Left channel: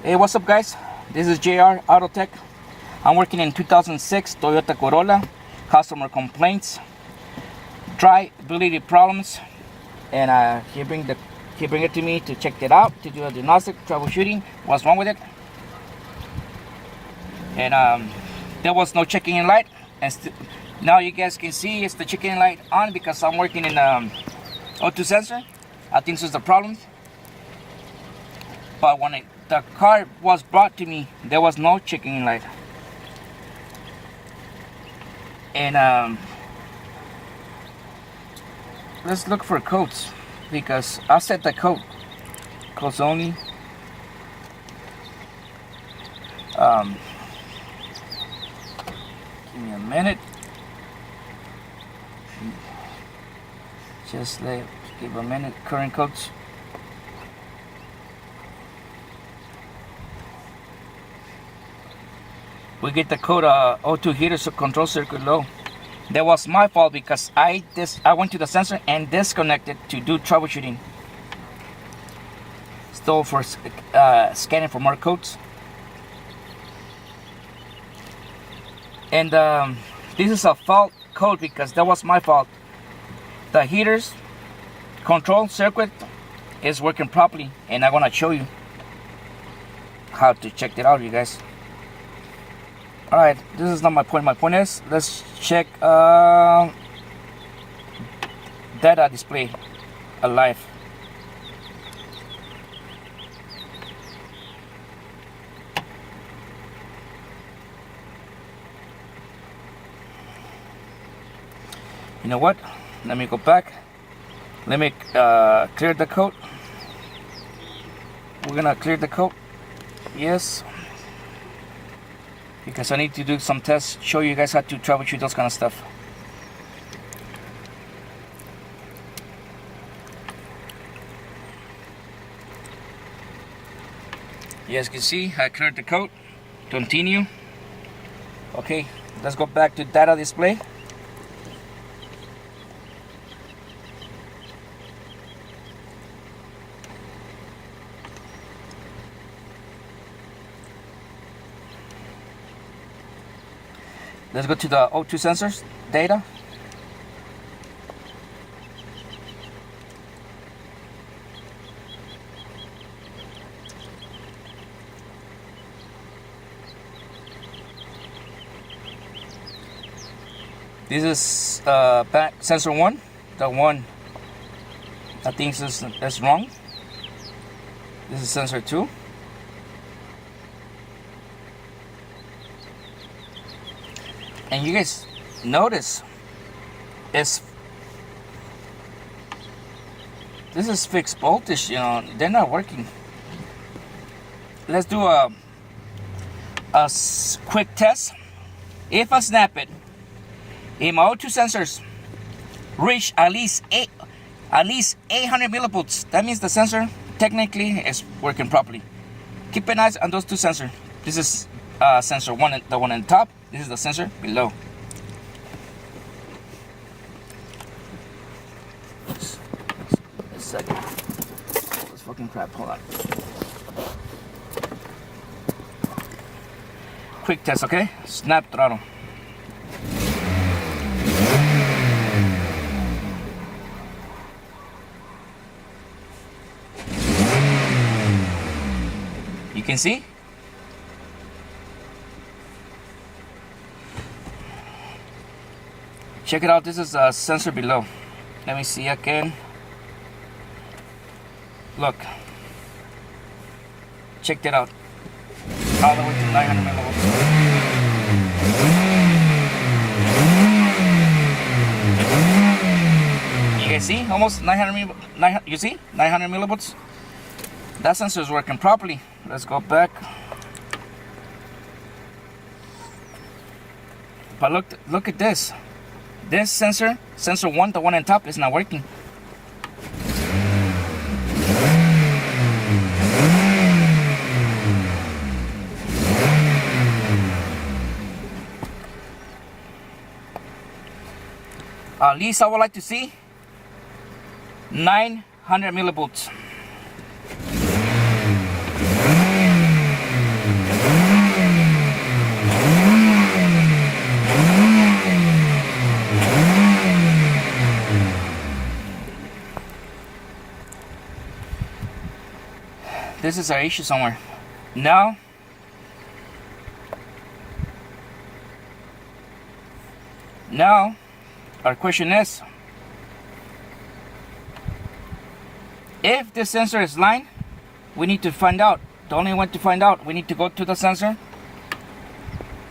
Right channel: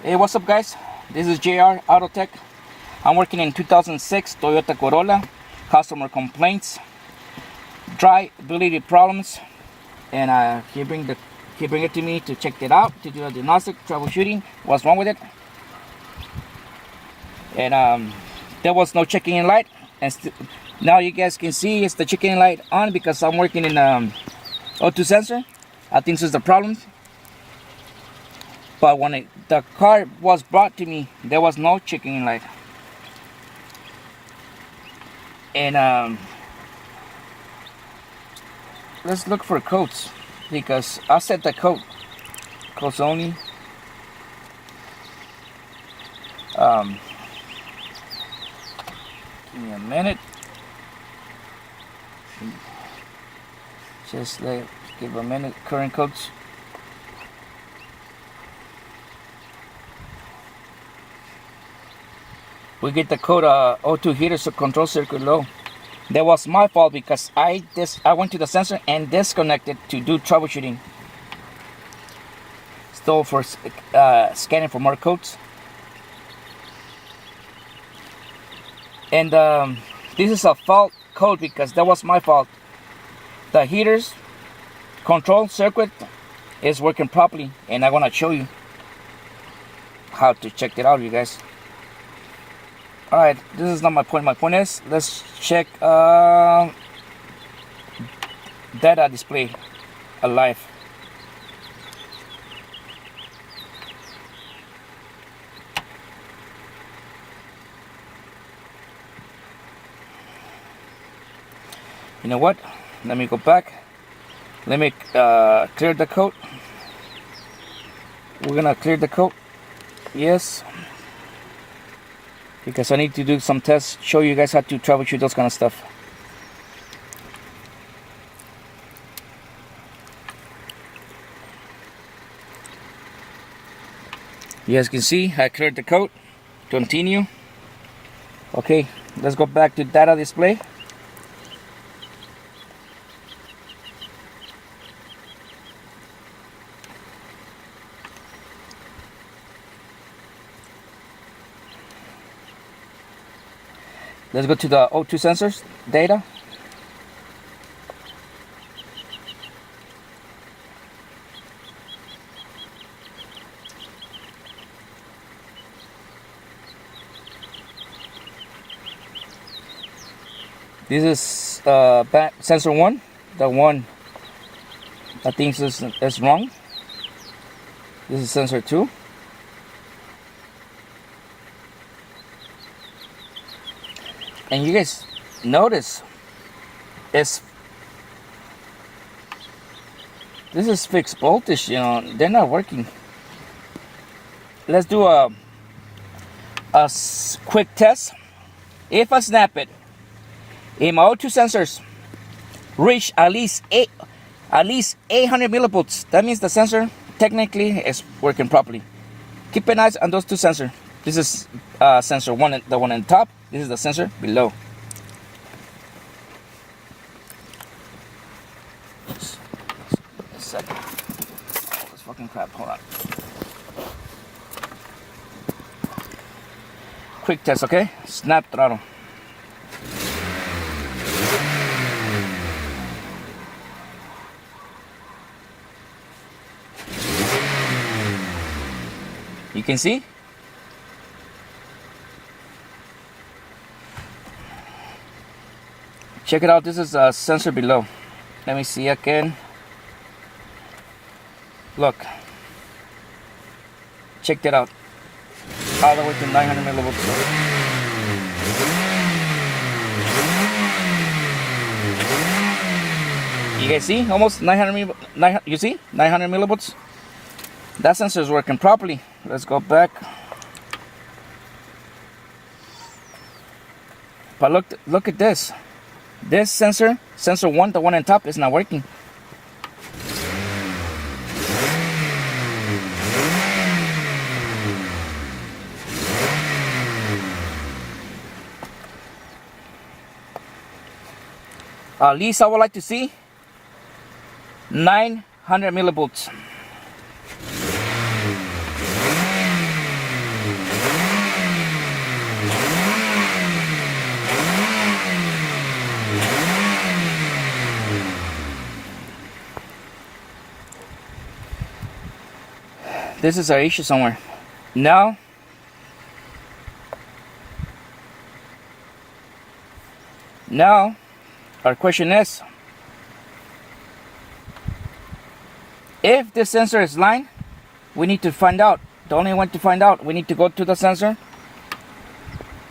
Hey, what's up guys? This is JR Autotech. I'm working in 2006 Toyota Corolla. Customer complaints, drivability problems, and he bring it to me to check it out, to do a diagnostic, troubleshooting, what's wrong with it. And there was no checking in light, and now you guys can see it's the checking in light on because I'm working in O2 sensor. I think this is the problem. But when the car was brought to me, there was no checking in light. And let's look for codes, because I set the codes only. Give me a minute. Just give a minute. Current codes. We get the code O2 heater control circuit low. That was my fault because I went to the sensor and disconnected to do troubleshooting. Still for scanning for more codes. And this is a fault code because that was my fault. The heaters control circuit is working properly, and I'm gonna show you how to check it out, you guys. Alright, this is not my point. My point is, let's check data display alive. You know what? Let me go back. Let me clear the code. We're gonna clear the code. Yes. Because I need to do some tests, show you guys how to troubleshoot those kind of stuff. You guys can see I cleared the code. Continue. Okay, let's go back to data display. Let's go to the O2 sensors data. This is sensor 1. The one I think is wrong. This is sensor 2. And you guys notice this is fixed voltage, you know, they're not working. Let's do a quick test. If I snap it, if my O2 sensors reach at least 800 millivolts, that means the sensor technically is working properly. Keep an eye on those two sensors. This is sensor 1, the one on top. This is the sensor below. A second. Oh, this fucking crap. Hold on. Quick test, okay? Snap throttle. You can see? Check it out, this is a sensor below. Let me see again. Look. Check that out. All the way to 900 millivolts. You guys see? Almost 900, you see? 900 millivolts. That sensor is working properly. Let's go back. But look at this. This sensor 1, the one on top, is not working. At least I would like to see 900 millivolts. this is our issue somewhere. Now, our question is, if the sensor is line, we need to find out. The only way to find out, we need to go to the sensor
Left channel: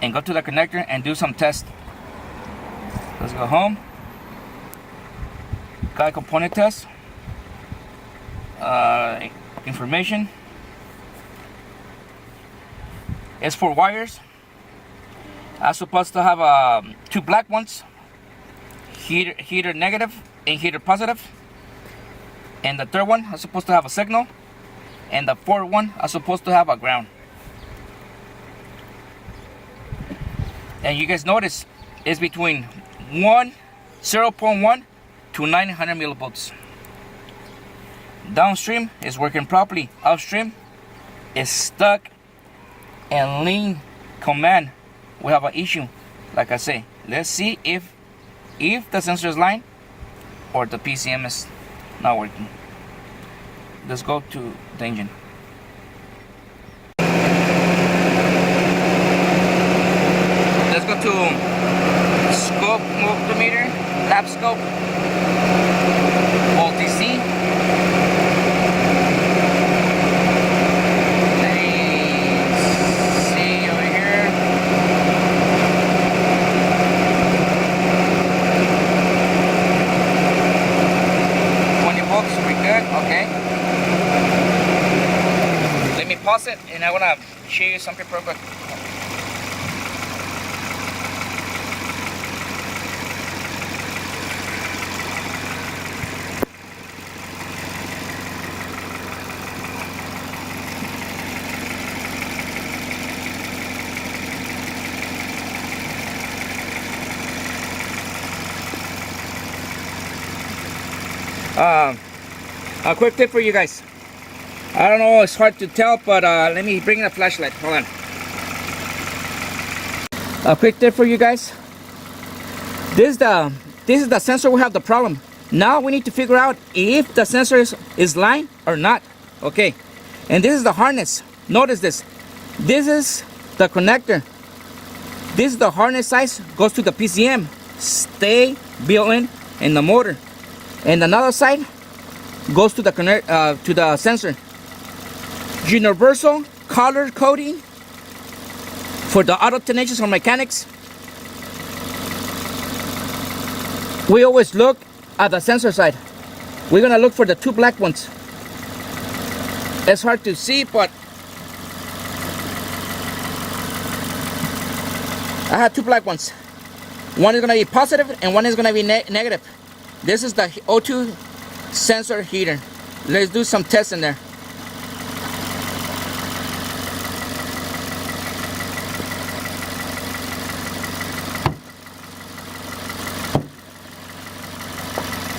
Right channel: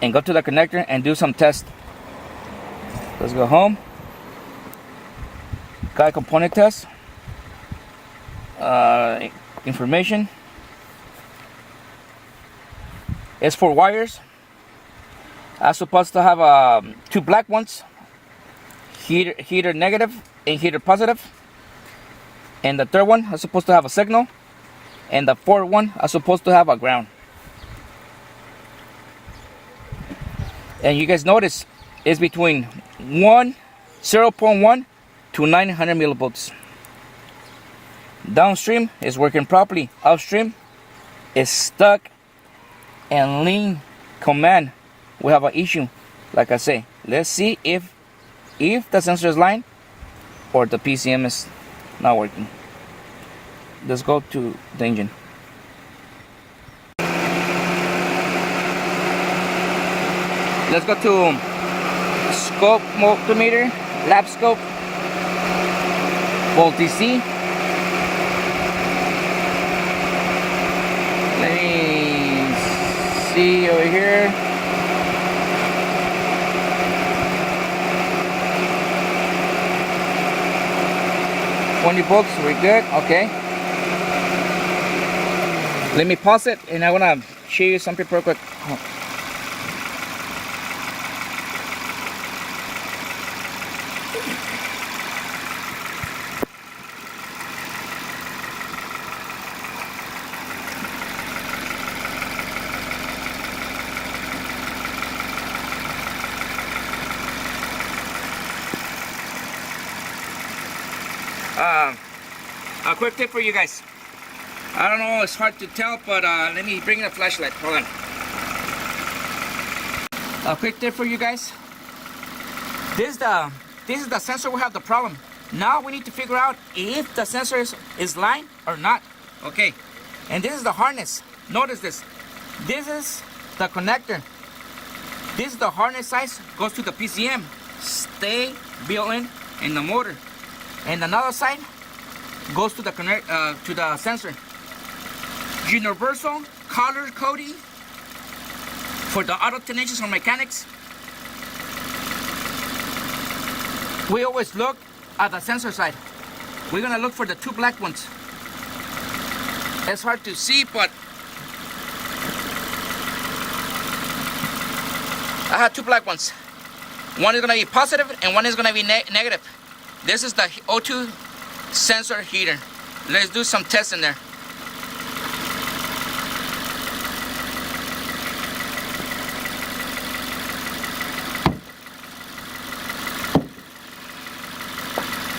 and go to the connector and do some tests. Let's go home. Guide component test. Information. It's for wires. I'm supposed to have two black ones. Heater negative and heater positive. And the third one is supposed to have a signal. And the fourth one is supposed to have a ground. And you guys notice it's between 0.1 to 900 millivolts. Downstream is working properly. Upstream is stuck and lean command. We have an issue. Like I say, let's see if the sensor is line or the PCM is not working. Let's go to the engine. Let's go to scope multimeter, lap scope, multi-C. Let me see over here. Volts, we're good. Okay. Let me pause it, and I want to show you something real quick. A quick tip for you guys. I don't know, it's hard to tell, but let me bring in a flashlight. Hold on. A quick tip for you guys. This is the sensor we have the problem. Now we need to figure out if the sensor is line or not. Okay. And this is the harness. Notice this. This is the connector. This is the harness size, goes to the PCM. Stay built in the motor. And another side goes to the sensor. Universal color coding for the auto technicians or mechanics. We always look at the sensor side. We're gonna look for the two black ones. It's hard to see, but I have two black ones. One is gonna be positive and one is gonna be negative. This is the O2 sensor heater. Let's do some tests in there.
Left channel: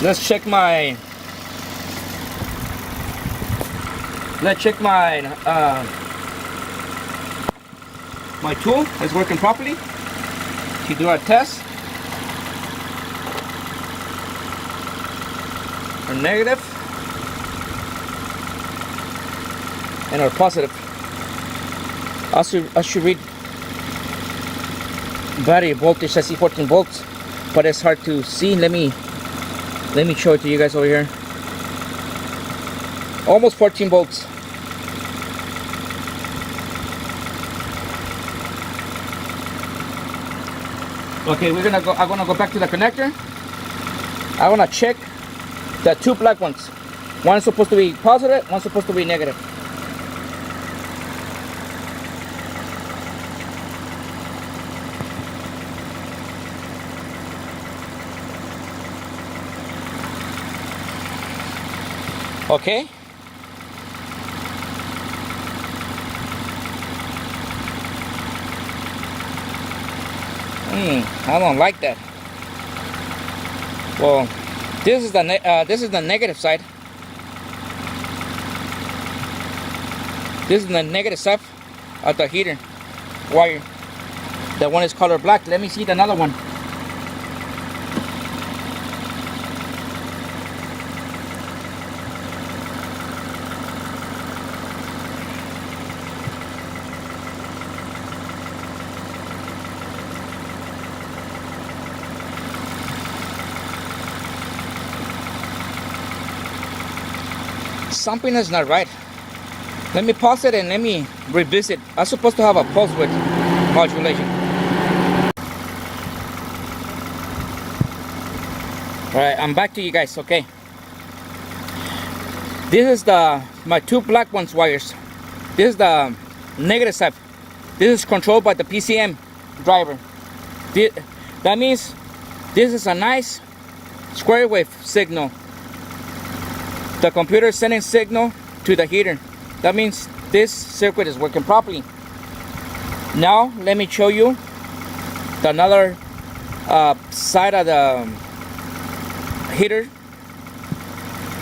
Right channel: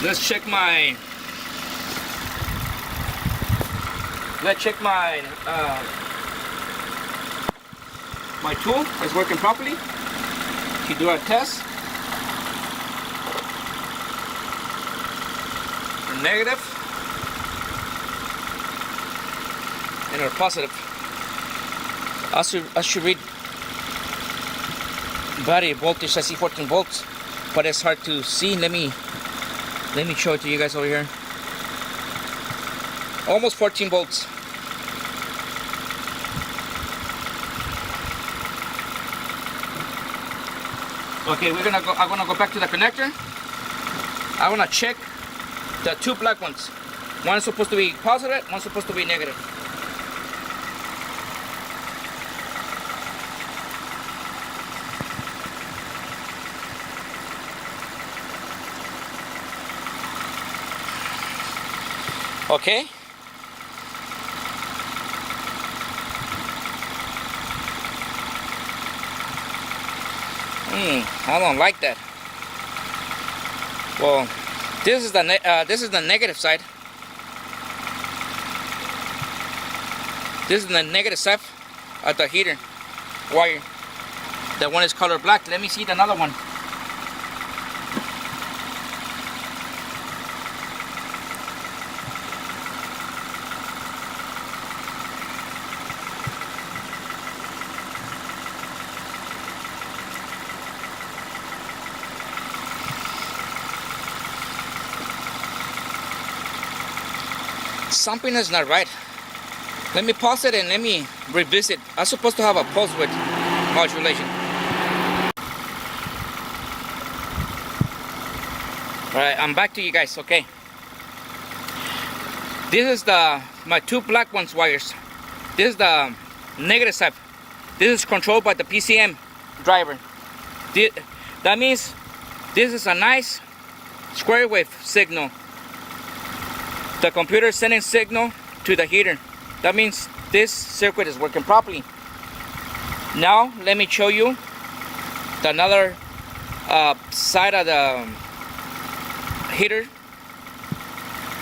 Let's check my my tool is working properly to do our test. A negative and our positive. I should read battery voltage. I see 14 volts, but it's hard to see. Let me show it to you guys over here. Almost 14 volts. Okay, I'm gonna go back to the connector. I wanna check the two black ones. One is supposed to be positive, one is supposed to be negative. Okay. I don't like that. Well, this is the negative side. This is the negative side of the heater wire. That one is color black. Let me see another one. something is not right. Let me pause it and let me revisit. I'm supposed to have a pulse width modulation. Alright, I'm back to you guys, okay? This is my two black ones wires. This is the negative side. This is controlled by the PCM driver. That means this is a nice square wave signal. The computer is sending signal to the heater. That means this circuit is working properly. Now let me show you the another side of the heater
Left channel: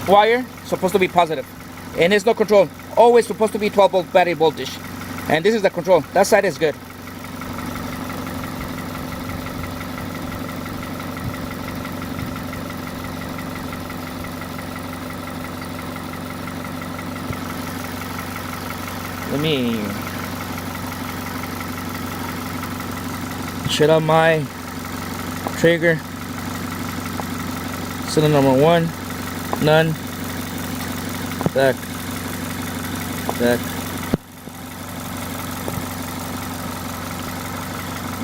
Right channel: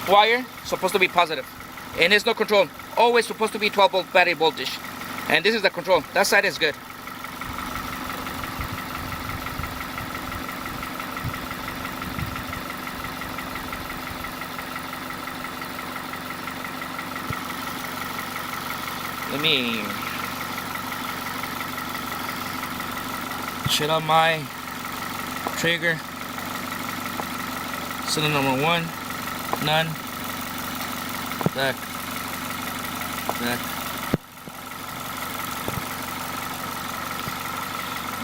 wire. Supposed to be positive, and it's no control. Always supposed to be 12 volt battery voltage, and this is the control. That side is good. Let me shut up my trigger. Cylinder number 1, none. Back.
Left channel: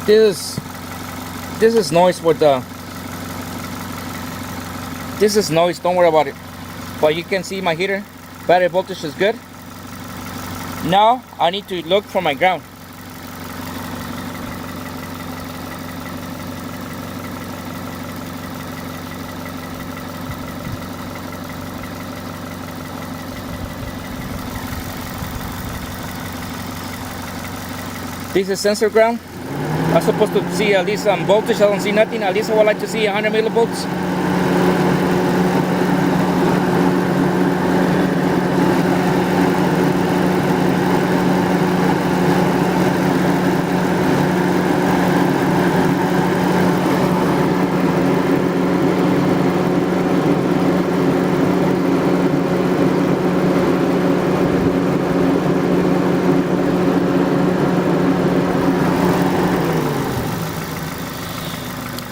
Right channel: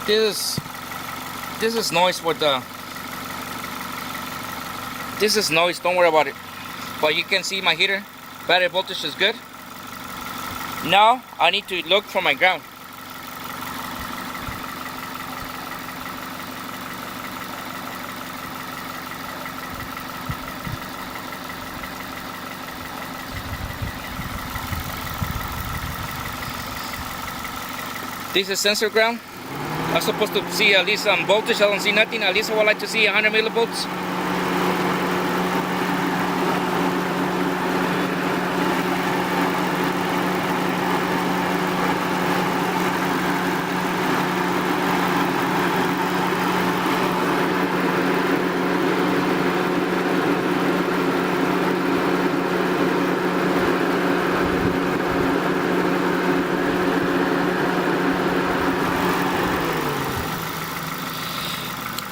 This is noise with the. This is noise. Don't worry about it. But you can see my heater. Battery voltage is good. Now I need to look for my ground. This is sensor ground. I'm supposed to see at least some voltage. I don't see nothing. At least I would like to see 100 millivolts.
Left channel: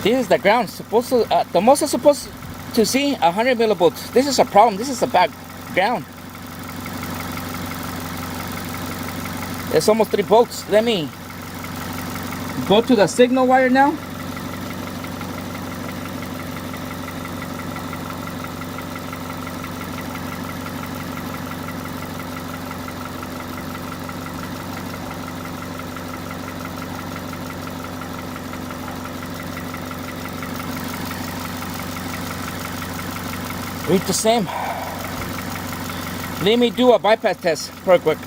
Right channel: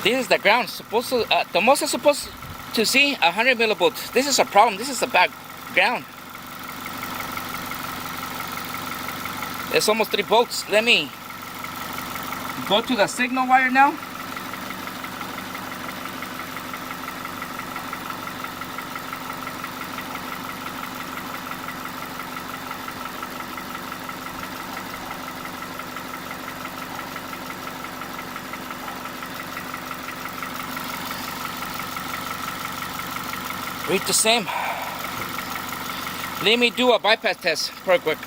This is the ground. Supposed to the most I'm supposed to see 100 millivolts. This is a problem. This is a bad ground. It's almost 3 volts. Let me go to the signal wire now. Read the same. Let me do a bypass test real quick.